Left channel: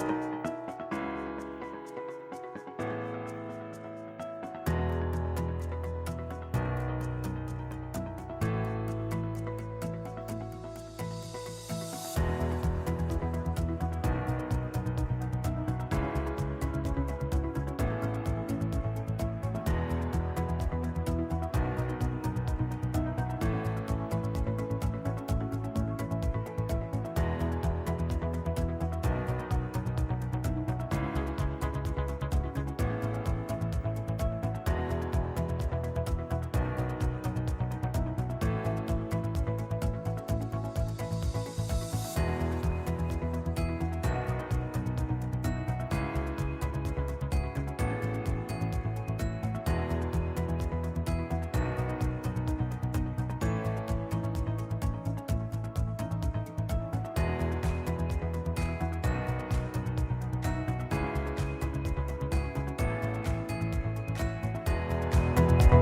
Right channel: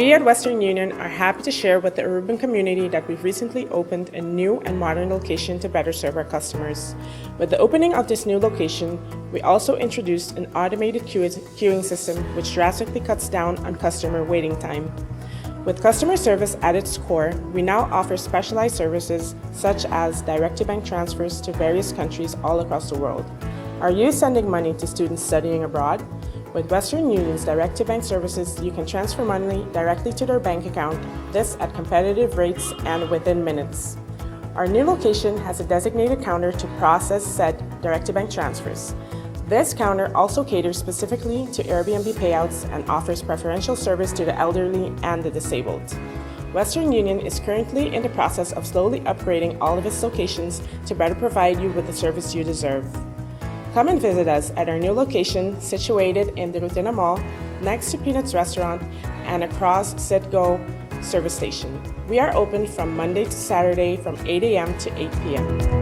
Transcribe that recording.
We at Western Union are happy to share with the urban community that we've recently opened a new and modern location to better serve our customers. With the opening of this new location, we also introduced an automated queuing system which drastically cuts down on customer waiting time. With customer service at its core, we now offer specialized services such as direct-to-bank transfers to various countries all across the world. Are you sending money to students studying abroad? With Western Union's direct-to-bank services, you can transfer money directly to their bank account, this at competitive rates and within minutes. Our new location has a designated counter to process said direct-to-bank transfers. This counter also caters specifically to Airbnb payouts and offers preferential service to the elderly and the disabled. Western Union is currently in the process of slowly upgrading all of its locations to better provide you with the service you deserve. Come and visit us at our new location situated in the Rutina Mall, next to Peanuts Restaurant and across Citgo service station. We are open from Monday to Saturday from 8 a.m. to 8 p.m.